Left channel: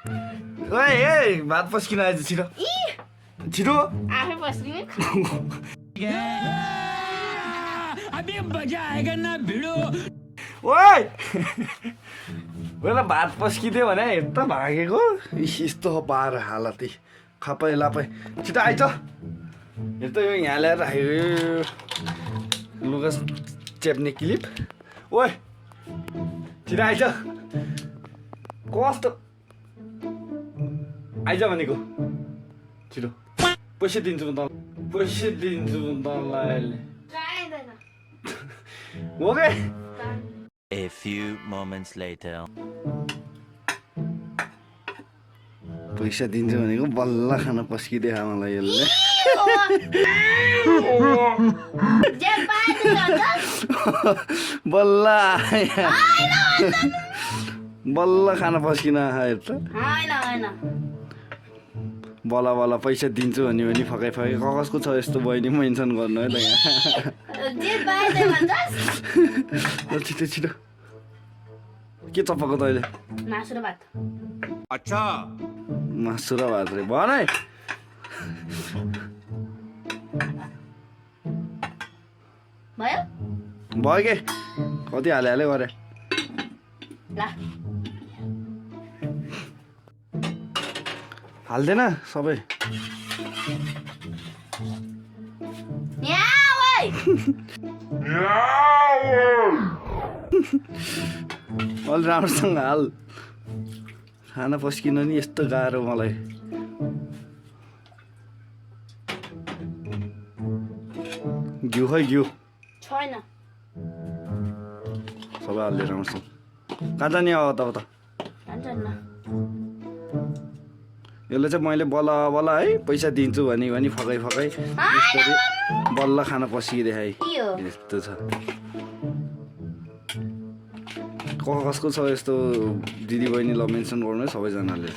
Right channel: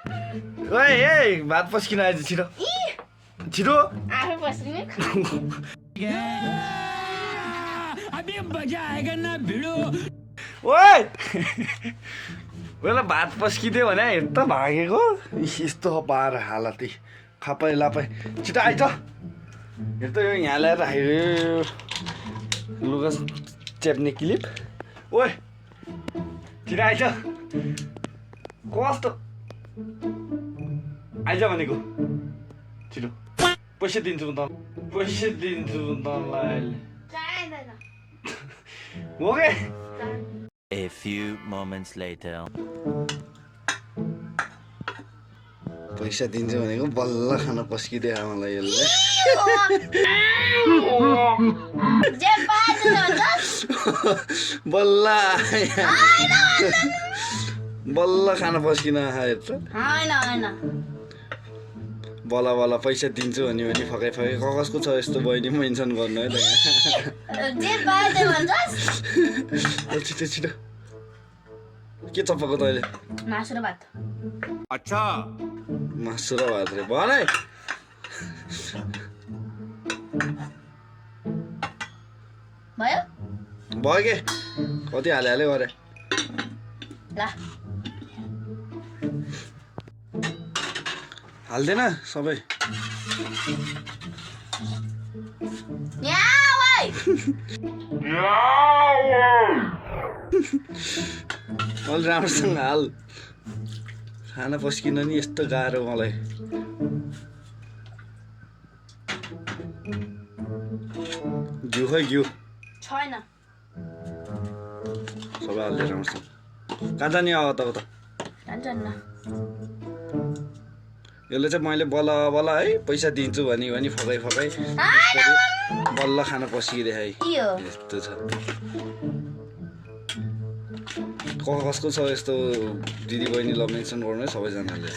ओए ए भात पस्किन आएछ छिटो छिटो आफै पस्किने अभी मजा आएगा ना भिडो ओए बेला भात पस्किदियो भने यता भागेको यस्तो पार हालत खपै लापै छिटो आइज हेर त यो यहाँ ल्याएर राखेको लुगा चेप्ने क्लिप ओए छिटो आइज कस्तो आइज भनेको छिटो पैसा दिन्छु म तँलाई चाहिँदैन हो के A few moments later. पैसा दिन्छु भनेको बल्ल खान पस्किदियो मलाई यसले जे पाए त्यही हुन्छ बल्ल बल्ल खान पस्किन आएर त हैन हैन बल्ल बल्ल पैसा दिन्छु भने फकाइ फकाइ कसको छ यस्तो बहिनी मेन्सन गर्नु है त यहाँ जे पाए त्यही भन्छस् छिटो छिटो के चप्पको त अहिले मासु र भात अच्छा मासु र भात रे भन है भयो भयो के कति हाले गरे ल हाल्दैन सबै यहाँ ओइ अलि राम्रोसँग हाल खाना पस्किन नि यस्तो गाह्रो मलाई घिउ खै घिउ छैन सबै हाल्दै राम्रोसँग कहाँ जाने अब त जान्छन् न यसले चाहिँ मैले बल्ल बल्ल है पैसा दिन्छु भनी फकाइ बल्ल खाना पस्किदिए है के हो यस्तो छ कसको छ यस्तो दिदी बहिनी ल मेन्सन गर्नु है सबैजनाले